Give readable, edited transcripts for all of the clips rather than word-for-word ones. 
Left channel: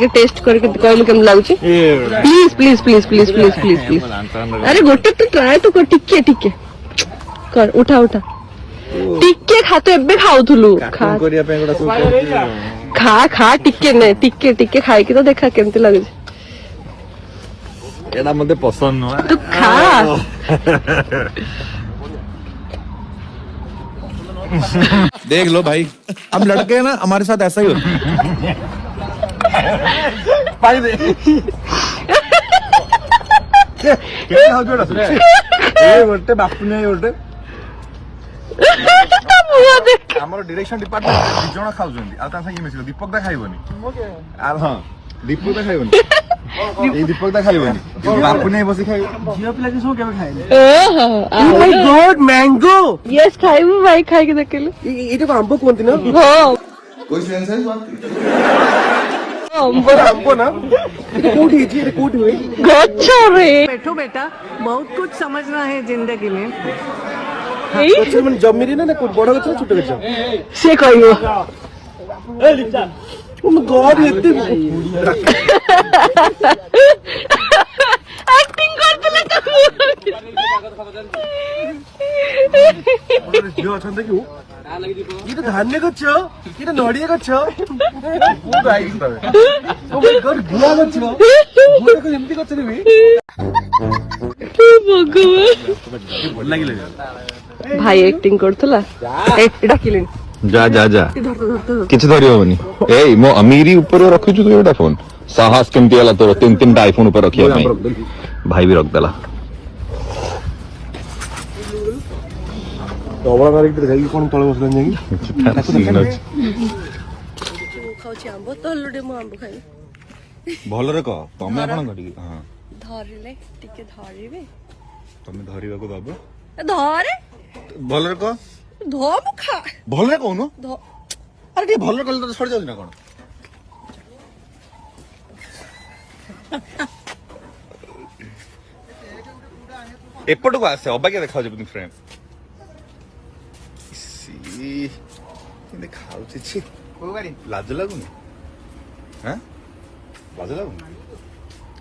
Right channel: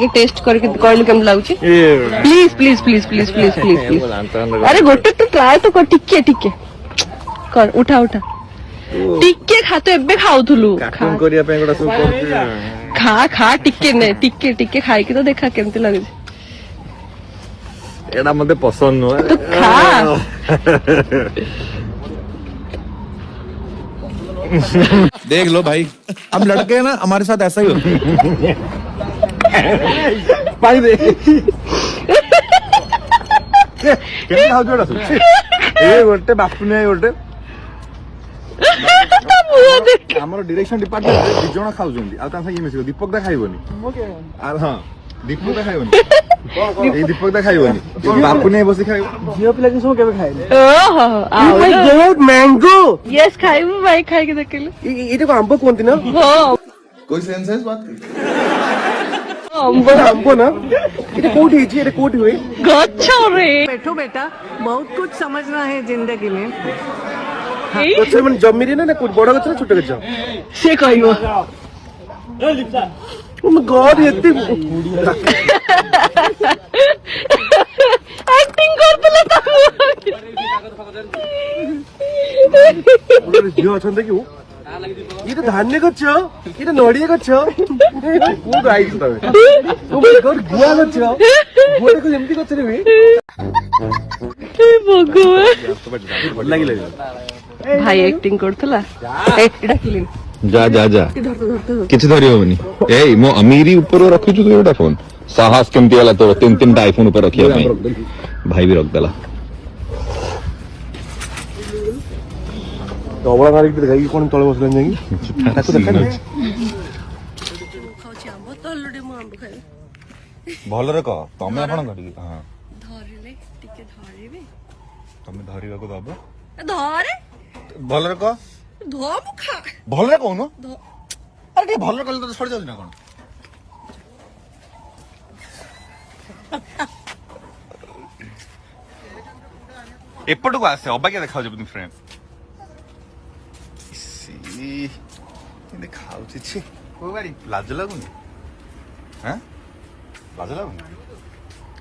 ଟିକେ ଟେଷ୍ଟ କରିକି କହିଲୁ କେମିତି ଲାଗୁଛି please please please please please please please ଆରେ ଗୋଟେ ତୁ ଟ୍ରାଏ ତ କର ଟିକେ ଟିକେ କର ଉଠା ଉଠା ଟିକେ ଖା ତ ଏବେ ଖାଉଥିଲୁ ଖା ଖା ଟିକେ ନେ ଟିକେ ଟିକେ ଖାଇକି ତ ଦେଖା କେମିତି ଲାଗୁଛି एड़ा मते पसंद नुह तू खा देख लो भाई हम लड़के हैं ना हमारे साथ ऐसा ही होता है गोटे बापू नहीं गोटे आमर डायरेक्शन डिपार्टमेंट दु जण खाउछन्ती आ ता ये मिसियो दीपक दा खाइबोनी आ हां दीपक दा खाइबोनी ए दीपक दा खाइबोनी बापू नहीं बसी खाइबो जियो पिला के सो केबे खाइले ओहो oh my god mango yes खाइबो भाई खाइ के देखेलु ये तो आंबो कोनती ना हां कोई सेंस है इस बात की आंबो ना ये कोट है जी ये कोट हुई गच्छा रे बैठो बेटा बहुत कुछ समझना है जिंदगी में तो मन जब मेरी ना कुछ बड़ा गच्छ छोटा गच्छ से कहियो ए लिखा ओ माय गॉड एती एक्टिंग करतले त झियो अछन देखियो ये तो धान्य गच्छ ये तो नडिया गच्छ खूब राइट तमे ओ माय गॉड गुआ गच्छ गुआ तो एमती गच्छ रे भगवान लागी लागी भाई एक्टिंग करतला ए डाकिलेन जा जा जा धर किछ धरि होबनी ए मो अमीरी ऊपर रखिछु तो एटा फोन साहस केमती हला तोर तीन तीन टा आईफोन ऊपर रखिया भाई भी रख देला तो बड़ा गाड़ी के गाड़ी कोन तळे बसलन जाई खाउची आंबो तल्लुडे मो आंबो खाइ भल रे कह तमे आपण करिबी हां धरिले टिके धरिबे तमे धरिबाको दबो धरे भल रे कह धो मु खा भल रे कहू न धो अरे टे भल रे कहले तो छोड़ जाउनी ना कोन एपटको आसे अबाके देखाउ जे फ्रेंड सी खाଉଛି ଛି ଲାଜ ଲାଗୁନି ହାଁ ଲାଜ ଲାଗୁନି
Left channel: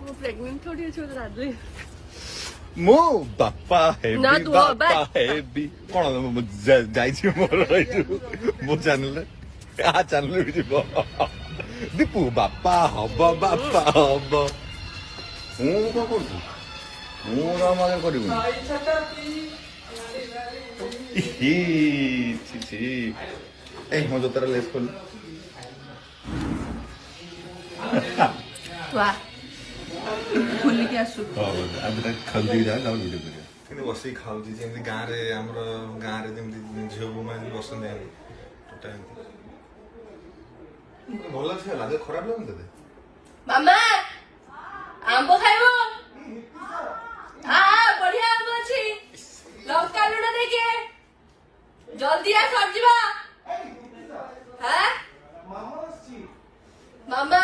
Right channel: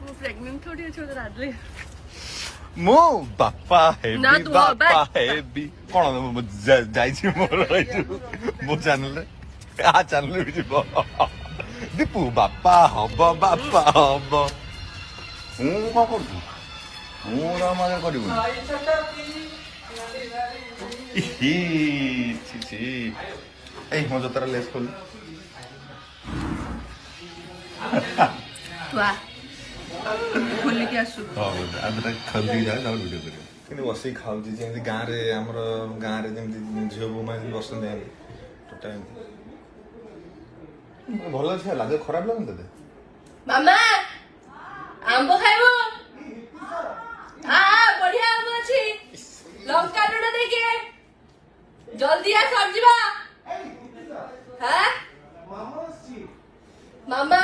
ମୁଁ ପ୍ରେଗନେଣ୍ଟ थोड़ी ଅଛି ତ ରାଜଲେ ମୋ ବାପା ନା, ହେବି ତୁ ବାପା ହବା। ହେବି କଣ ଯାଇଛି ମୋର ମୋ ଚ୍ୟାନେଲରେ ଆ ଚ୍ୟାନେଲ ବି ଯିବ ଦୀପୁ ବାପା ହବ ମୁଁ କଣ କରୁଛୁ ମୁଁ ମଜା କରିବୁନି ए मो जतरा लेस खोल वाह खोली के आसु आज तक खल्दी जा ना वीडियो पे किने बसी खाउजी जेमति गां रे हमर गां रे जेमति झियो बुमा बसन दे टोटा भलो छै लाज खराब लागन तते मामा आंबो खाइबो हां बढ़िया आंबो अछि लंका लुडा देखे जल्दी आ सरजिबा हां मामा